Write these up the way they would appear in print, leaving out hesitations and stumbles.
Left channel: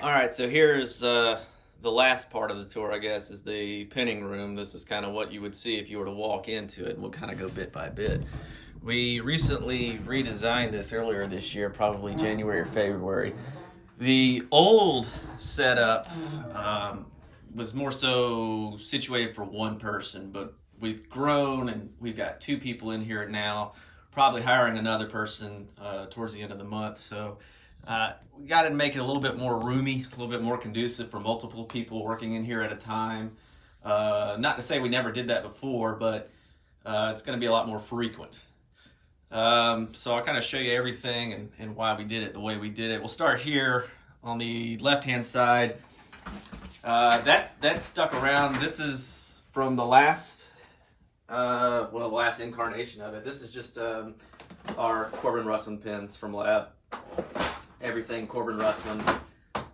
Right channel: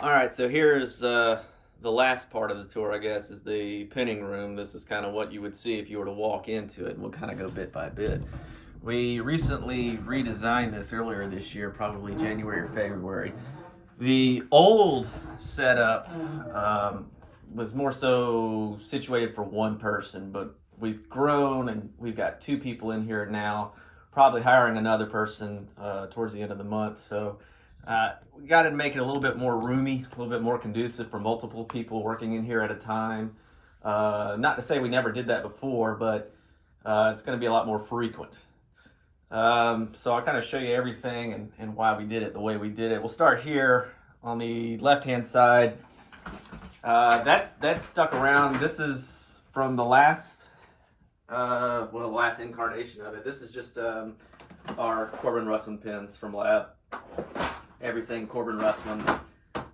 All right, so here's the last part of the tour, I guess, is the pinning room. This is kind of what you would see if you were to walk into it, and we'll kind of go bit by bit. We recently redesigned this earlier this year, probably January or February. The old setup was more so situated for one person, but we've grown and we've got two people in here now, probably hiring another person towards the end of the month. So we got to make it a little bit more roomy, a little bit more conducive for multiple people working in here at a time. Not to say we never did that before, but it's going to be a lot more frequent. So I'll kind of show you everything and why we did it the way we did it. We'll start here on the left-hand side. That stuck around. This is from the last, the last incarnation of it. This is just our Corbin Russman pins from lab. Everything Corbin Russman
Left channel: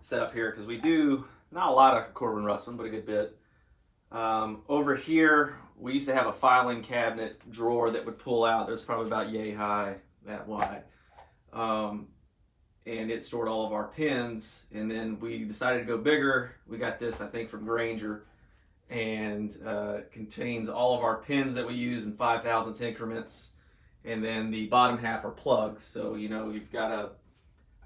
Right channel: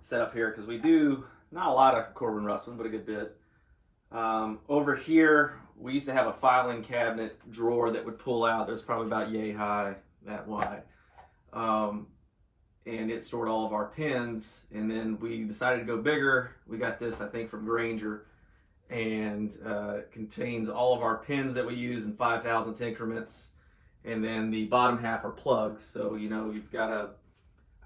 set up here because we do not a lot of Corbin Russman, but a good bit. Over here, we used to have a filing cabinet drawer that would pull out. It was probably about yay high, that wide. And it stored all of our pins. And then we decided to go bigger. We got this, I think, from Granger. And it contains all of our pins that we use in 5,000th increments. And then the bottom half are plugs. So, you know, you've got a,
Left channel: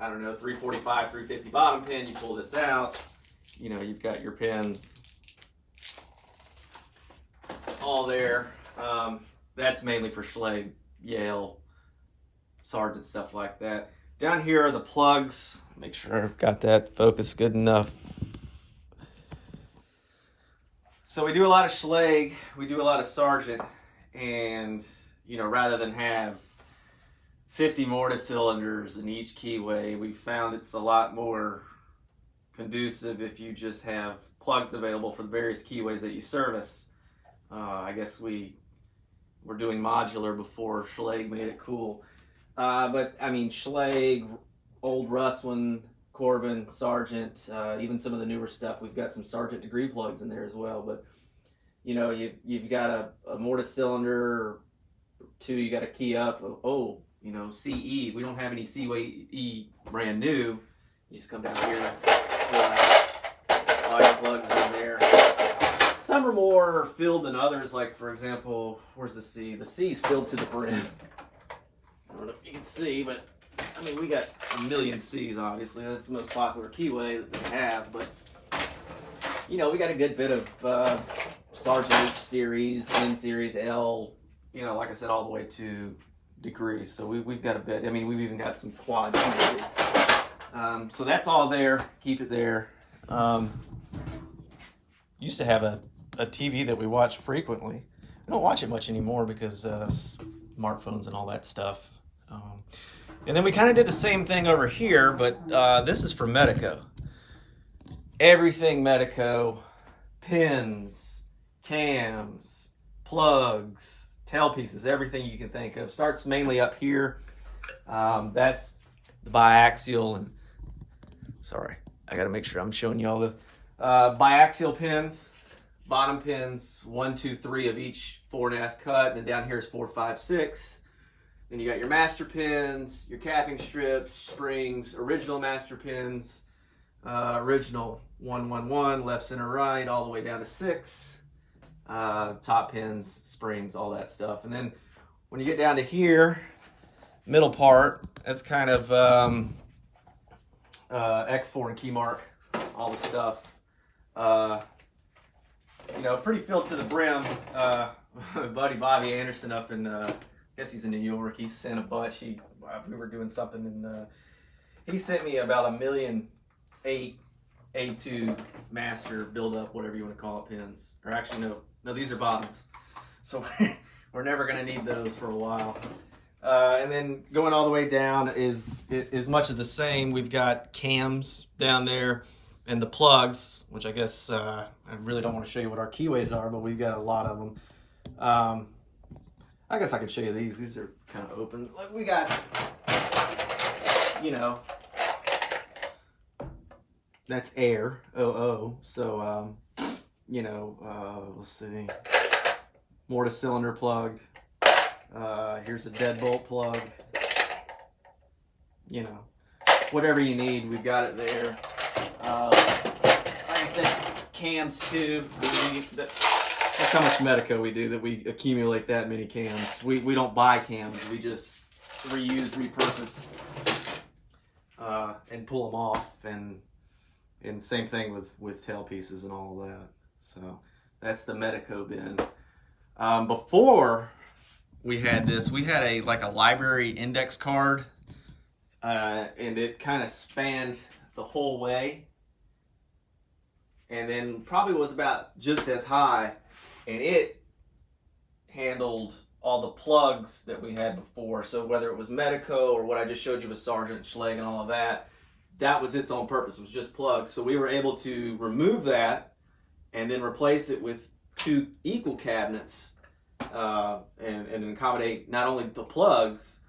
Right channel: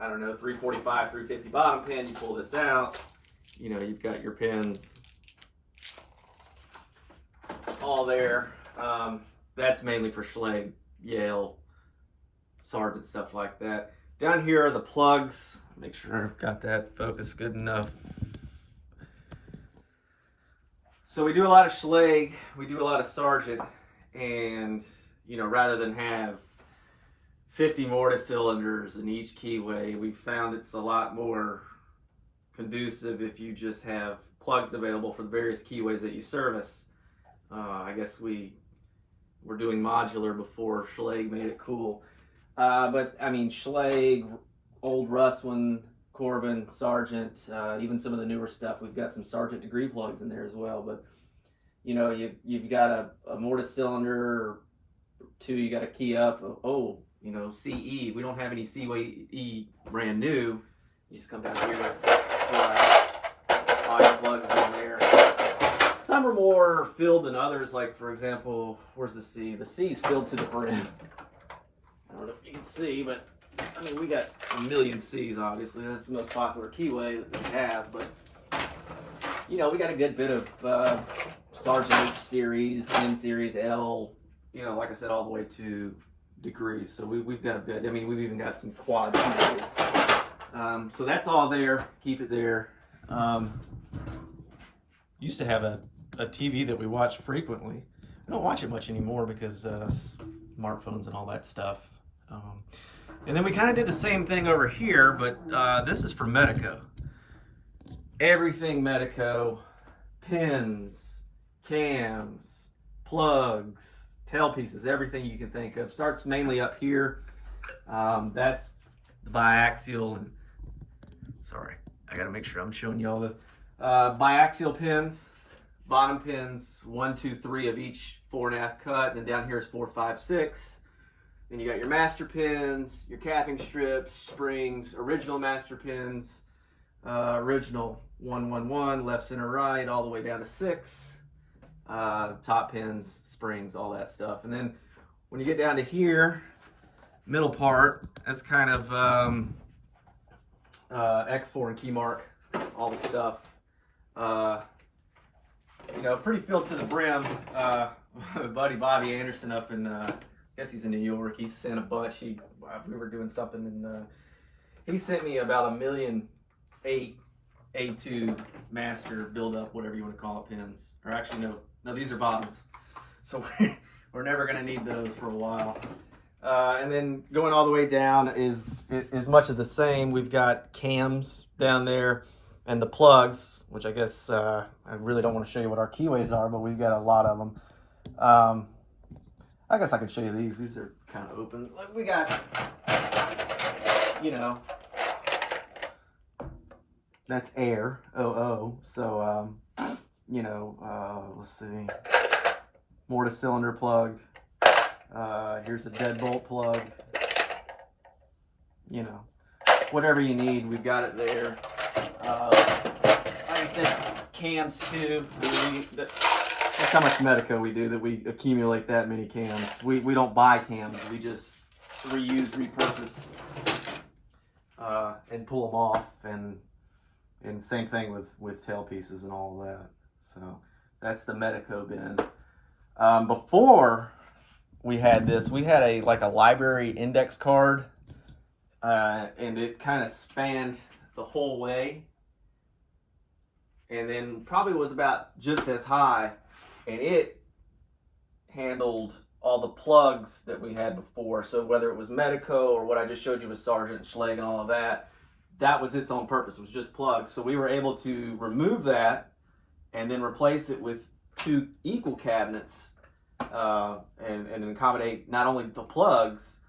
I don't know, 345, 350 bottom pin. You pull this out. You know, you've got your pins all there. That's mainly for Schlage, Yale, Sargent, stuff like that. Down here are the plugs. Make sure I've got that focus good enough. So we do a lot of Schlage, we do a lot of Sargent, and you know, rather than have 50 mortise cylinders in each keyway, we found it's a lot more conducive if you just have plugs available for the various keyways that you service. I guess we were doing modular before Schlage made it cool. But I mean, Schlage, old Russman, Corbin, Sargent, even some of the newer stuff, we've got some Sargent degree plugs in there as well. But you know, you've got a mortise cylinder or two, you got a key up. Oh, you know, CE. We don't have any CE brand new. You just come down here, pull out all your plugs in there. Some are more filled than others, like for example, where's the C? The C is filled to the brim. I don't know if you can see, but I mean, we got a million C's, obviously. That's the most popular keyway that we have, but you know, we got a good bit of Sargent H series, N series, L, you know, like I said, all the way to degree. So we've got a bit. I mean, we've even got some quad series. So that's all there. Keep it there. Used to have a TV that we watch frequently. We don't watch it much anymore because smartphones and all that stuff. And then we kind of did the same thing over here, but this is from Medico. Everything Medico, pins, cams, plugs, tailpieces, everything you can think of. Starts mainly up here. That's the biaxial, and sorry, I gotta make sure I'm showing you all the biaxial pins, bottom pins, 1, 2, 3 of each 4.5 cut, and then down here is 4, 5, 6. Then you got your master pins, your capping strips, springs, original master pins, original 1, 1, 1, left, center, right, all the way down to 6. Top pins, springs, all that stuff. And then when you get down to here, middle part, that's kind of X4 and key mark, all the stuff. You know, pretty filled to the brim. Buddy Bobby Anderson up in, I guess he's in New York. He sent a bunch. We were doing something, and he sent me about 1.8 million A2 master build up, whatever you want to call it, pins. Or actually, no, these are bottoms. So we're never going to need those for a while. And then going all the way down is much of the same. We've got cams down there and the plugs, which I guess I really don't want to show you what our keyways are, but we've got a lot of them. I guess I can show you these. These are kind of open. Look, we got, you know, that's air, OO. So, you know, let's see, mortise cylinder plug. Here's a deadbolt plug. You know, whatever you need, we've got it there. Like I said, cams too. That's how much Medico we do, that we accumulate that many cams. We don't buy cams. We just reuse, repurpose, and pull them off. And same thing with tail pieces and all of that. So that's the Medico bin. Before we had this, we had a library index card, and it kind of spanned the whole way, and then probably was about just as high, and it handled all the plugs that we had before. So whether it was Medico or what I just showed you with Sargent, Schlage, and all of that, that was its own purpose. It was just plugs. So we were able to remove that and then replace it with 2 equal cabinets, and accommodate not only the plugs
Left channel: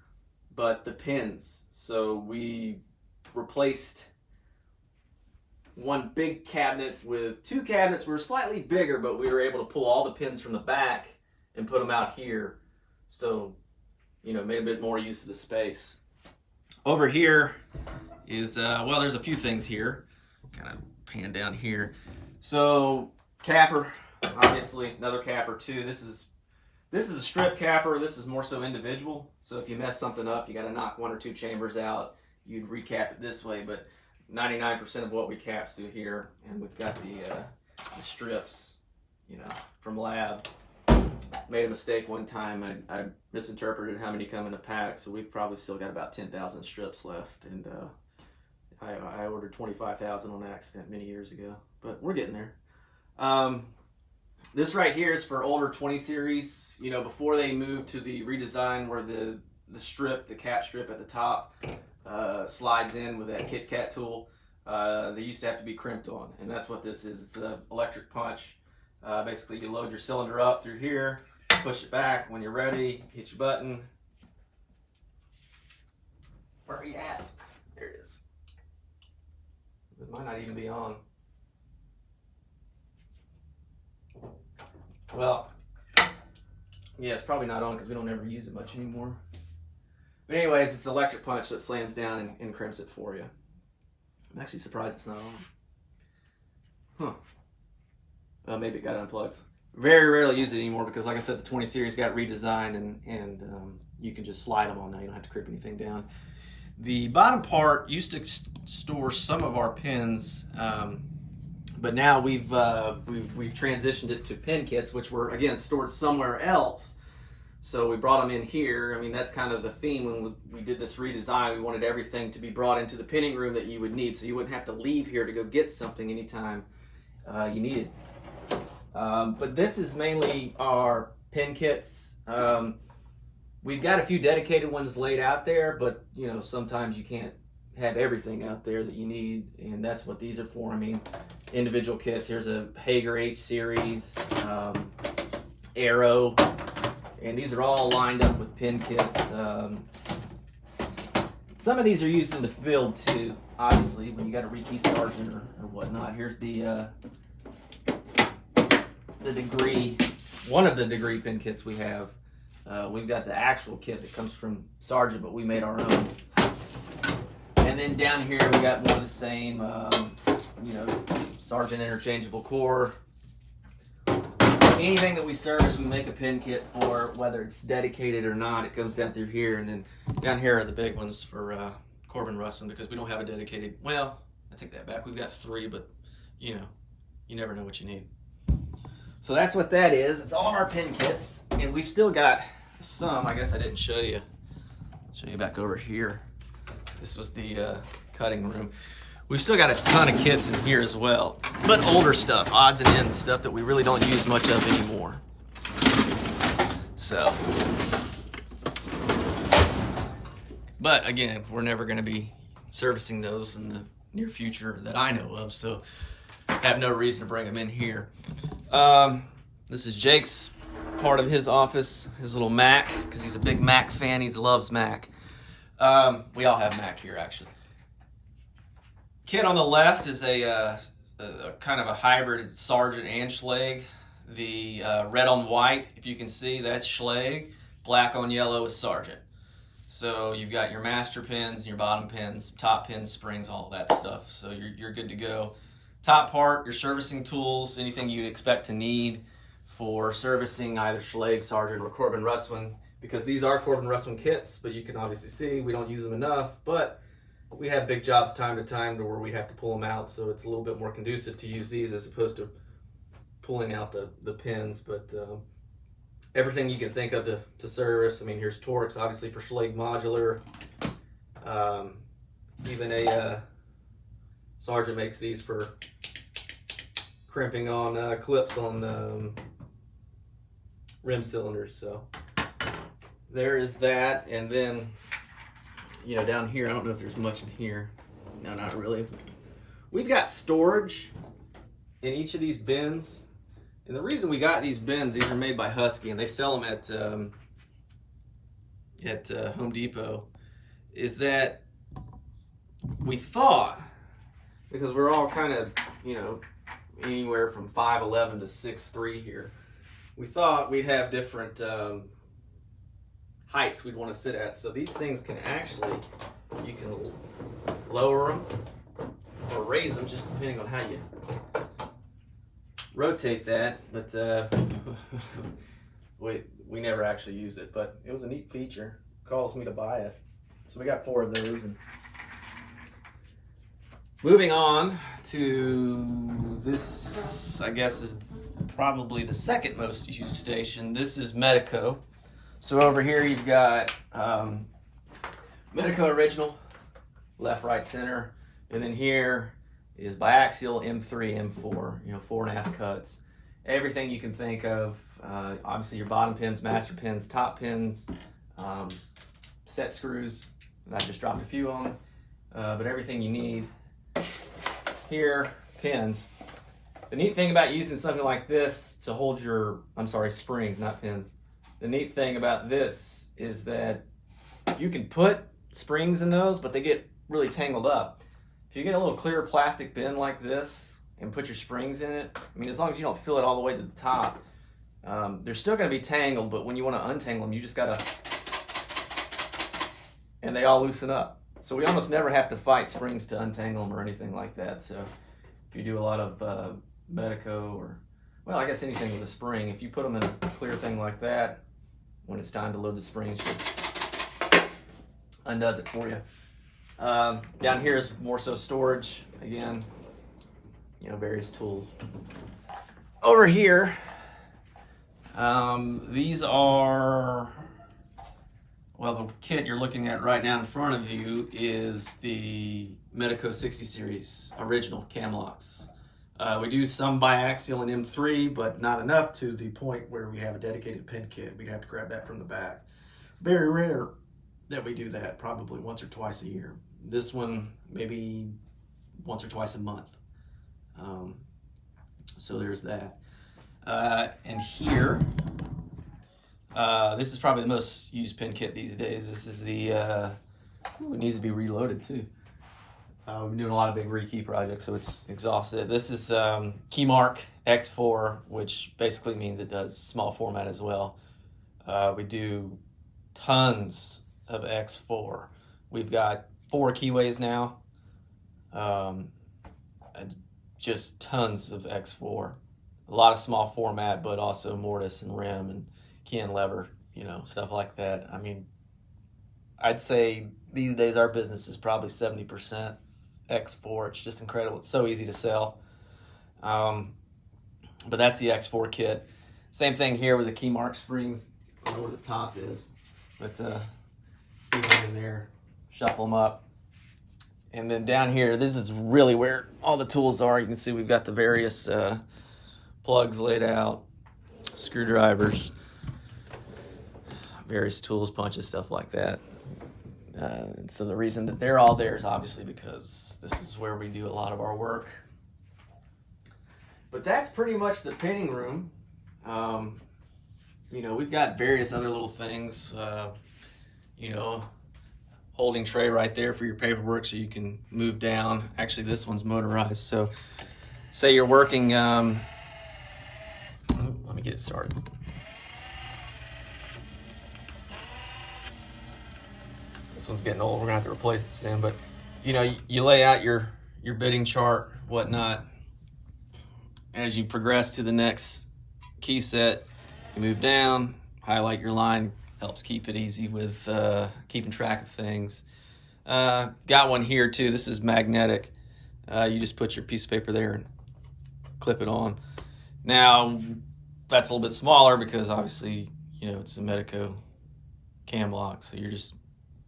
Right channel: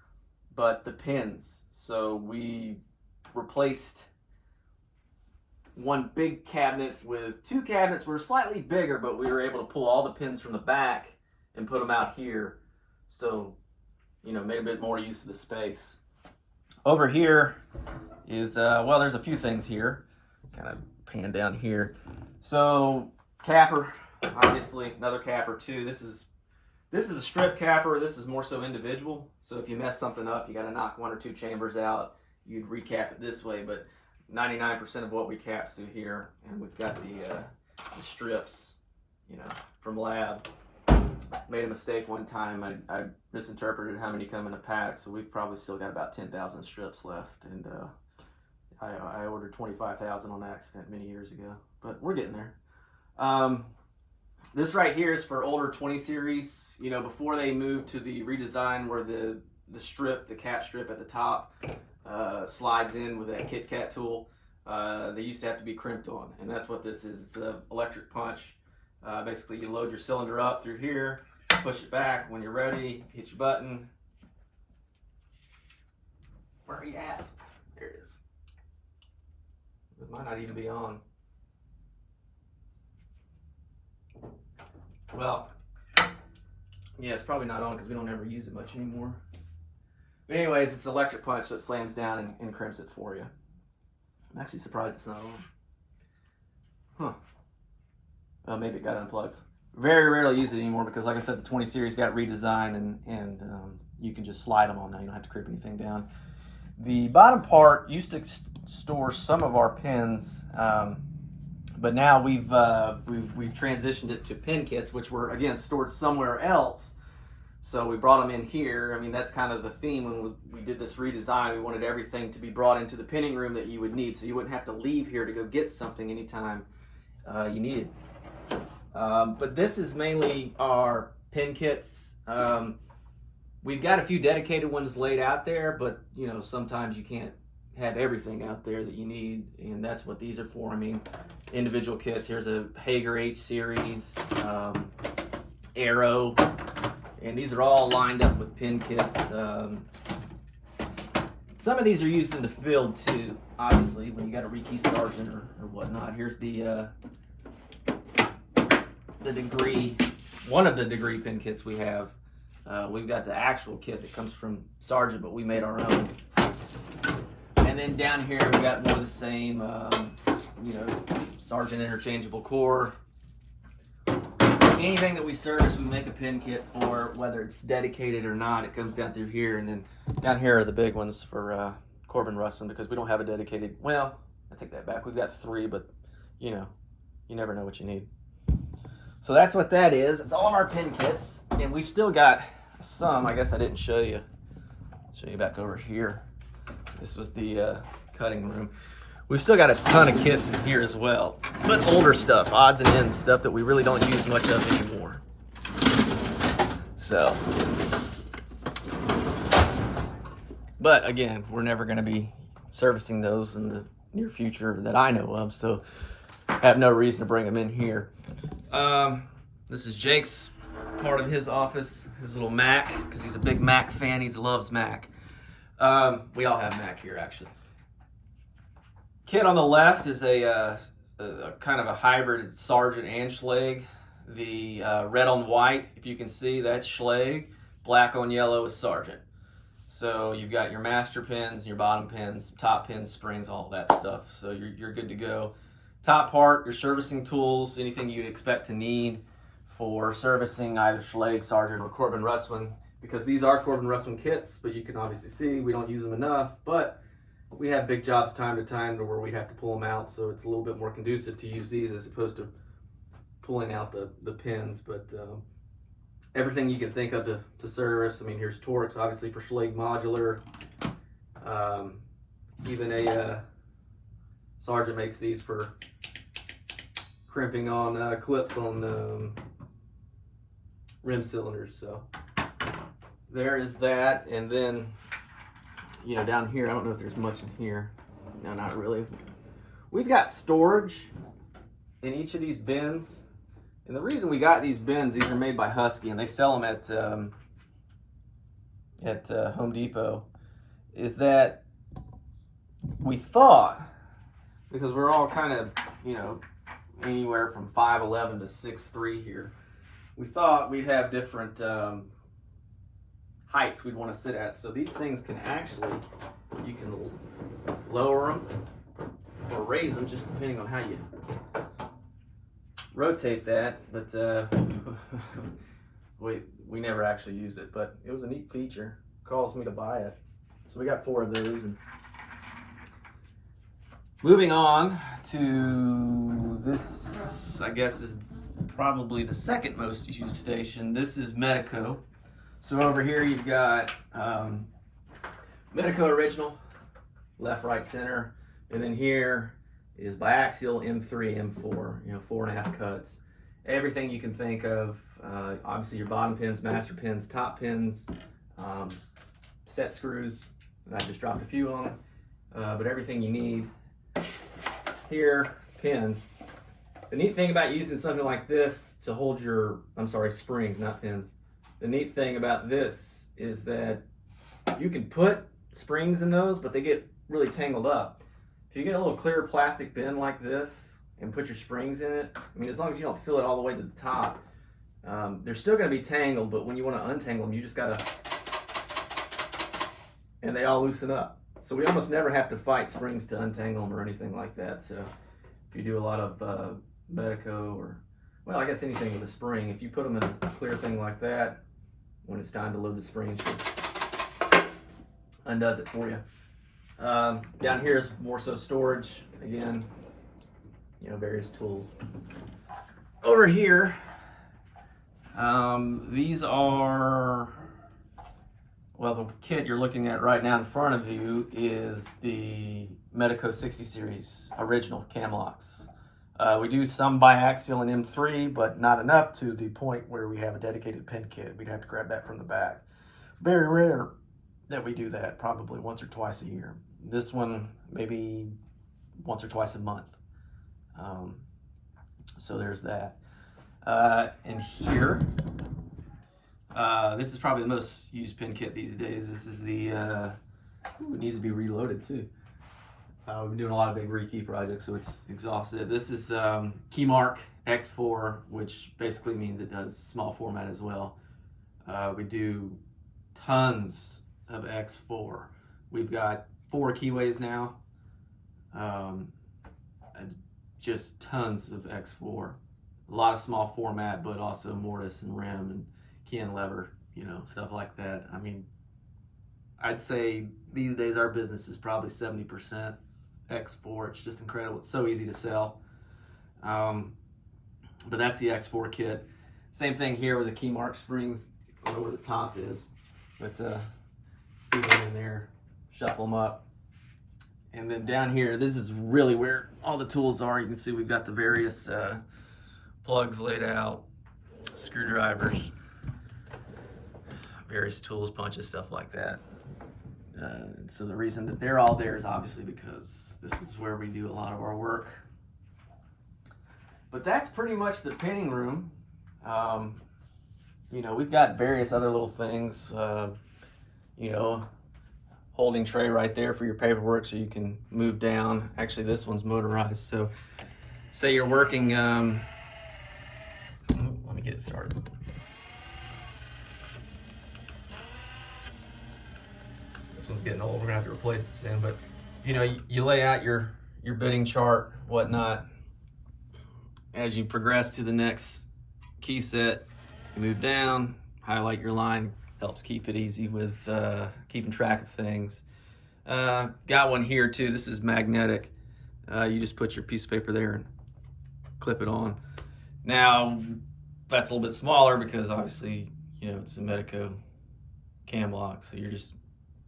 but the pins. So we replaced one big cabinet with 2 cabinets. We were slightly bigger, but we were able to pull all the pins from the back and put them out here. So, made a bit more use of the space. Over here is, well, there's a few things here. Kind of pan down here. So, capper, obviously, another capper too. This is a strip capper. This is more so individual. So if you mess something up, you got to knock 1 or 2 chambers out. You'd recap it this way, but 99% of what we cap's through here. And we've got the strips, from lab. Made a mistake one time. I misinterpreted how many come in a pack, so we've probably still got about 10,000 strips left. And I ordered 25,000 on accident many years ago, but we're getting there. This right here is for older 20 series. Before they moved to the redesign where the cap strip at the top slides in with that Kit Kat tool. They used to have to be crimped on, and that's what this is. It's an electric punch. Basically, you load your cylinder up through here, push it back. When you're ready, hit your button. Where are you at? There it is. It might not even be on. Well, yeah, it's probably not on because we don't ever use it much anymore. But anyways, it's an electric punch, so it slams down and crimps it for you. I'm actually surprised it's not on. Huh. Maybe it got unplugged. Very rarely use it anymore because, like I said, the 20 series got redesigned, and you can just slide them on now. You don't have to crimp anything down. The bottom part used to store some of our pins, but now we've transitioned it to pin kits, which were again stored somewhere else. So we brought them in here. I mean, that's kind of the theme when we did this redesign. We wanted everything to be brought into the pinning room that you would need, so you wouldn't have to leave here to go get something anytime you needed. But this is mainly our pin kits. We've got a few dedicated ones laid out there, but sometimes you can't have everything out there that you need, and that's what these are for. I mean, individual kits. Here's a Hager H series, Arrow, and these are all lined up with pin kits. Some of these are used in the field too, obviously, when you got a rekey sergeant or whatnot. Here's the degree, one of the degree pin kits we have. We've got the actual kit that comes from Sargent, but we made our own. And then down here we got more of the same, Sargent interchangeable core. Anything that we service, we make a pin kit for, whether it's dedicated or not. It comes down through here, and then down here are the big ones for Corbin Rustin, because we don't have a dedicated. Well, I take that back. We've got 3, but you never know what you need. So that's what that is. It's all of our pin kits, and we've still got some. I guess I didn't show you. I'll show you back over here. This was the cutting room. We've still got a ton of kits in here as well, but older stuff, odds and ends, stuff that we really don't use much of anymore. So, but again, we're never going to be servicing those in the near future that I know of, so I have no reason to bring them in here. This is Jake's part of his office, his little Mac, because he's a big Mac fan. He loves Mac. We all have Mac here, actually. Kit on the left is a kind of a hybrid Sargent and Schlage. The red on white, if you can see, that's Schlage. Black on yellow is Sargent. So you've got your master pins, your bottom pins, top pins, springs, all that stuff. So you're good to go. Top part, your servicing tools, anything you'd expect to need for servicing either Schlage, Sargent, or Corbin Russwin, because these are Corbin Russwin kits, but you can obviously see we don't use them enough, but we have big jobs time to time to where we have to pull them out, so it's a little bit more conducive to use these as opposed to pulling out the pins. But everything you can think of to service. I mean, here's Torx, obviously, for Schlage modular. Even a Sargent makes these for crimping on clips on rim cylinders. So there is that. And then, you know, down here, I don't know if there's much in here. No, not really. We've got storage in each of these bins. And the reason we got these bins, these are made by Husky, and they sell them at Home Depot, is that we thought, because we're all kind of, you know, anywhere from 5'11" to 6'3" here, we thought we'd have different heights we'd want to sit at. So these things can actually, you can lower them or raise them just depending on how you rotate that. But we never actually used it, but it was a neat feature. Calls me to buy it. So we got 4 of those. And moving on to this, I guess, is probably the second most used station. This is Medico. So over here you've got Medico original, left, right, center, and then here is biaxial M3, M4, you know, 4.5 cuts. Everything you can think of. Obviously your bottom pins, master pins, top pins, set screws. I just dropped a few on, but everything you need. Here, pins. The neat thing about using something like this to hold your, springs, not pins. The neat thing about this is that you can put springs in those, but they get really tangled up. If you get a little clear plastic bin like this and put your springs in it, I mean, as long as you don't fill it all the way to the top, they're still going to be tangled, but when you want to untangle them, you just got to, and they all loosen up. So we almost never have to fight springs to untangle them or anything like that. So if you do a lot of Medico or, well, I guess anything with a spring, if you put them in a clear thing like that, when it's time to load the springs, it just undoes it for you. Down here is more so storage. Again, you know, various tools. Over here, these are, well, the kit you're looking at right now in front of you is the Medico 60 series original cam locks. We do some biaxial and M3, but not enough to the point where we have a dedicated pin kit. We'd have to grab that from the back. Very rare that we do that, probably once or twice a year. This one, maybe once or twice a month. So there's that. And here, this is probably the most used pin kit these days. This is the, it needs to be reloaded too. We've been doing a lot of big rekey projects, so it's exhausted. This is Keymark X4, which basically means it does small format as well. We do tons of X4. We've got 4 keyways now, and just tons of X4. A lot of small format, but also mortise and rim and key and lever, you know, stuff like that. I mean, I'd say these days our business is probably 70% X4. It's just incredible. It's so easy to sell. But that's the X4 kit. Same thing here with the Keymark springs. I don't know where the top is, but keep them in there, shuffle them up. And then down here, this is really where all the tools are. You can see we've got the various plugs laid out, screwdrivers, various tools, punches, stuff like that. So the reason that they're all there is obviously because this is where we do a lot of our work. But that's pretty much the pinning room. You know, we've got various other little things, you know, holding tray right there for your paperwork so you can move down. Actually, this one's motorized. So say you're working, let me get it started. This one's getting old. We're gonna have to replace it soon. But you know, you lay out your bitting chart, whatnot. As you progress to the next key set, you move down, highlight your line, helps keep it easy with keeping track of things. Got one here too. This is magnetic. You just put your piece of paper there and clip it on. Now, that's a little bit smaller because obviously, you know, it's a Medico cam lock, so you're just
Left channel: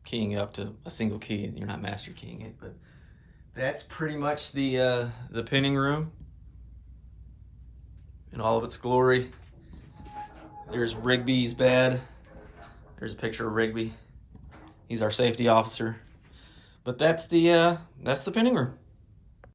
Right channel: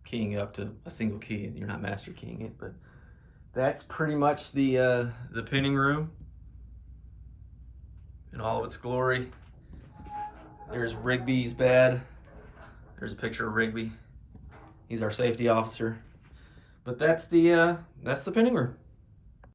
keying up to a single key and you're not master keying it. But that's pretty much the pinning room in all of its glory. There's Rigby's bed. There's a picture of Rigby. He's our safety officer. But that's the pinning room.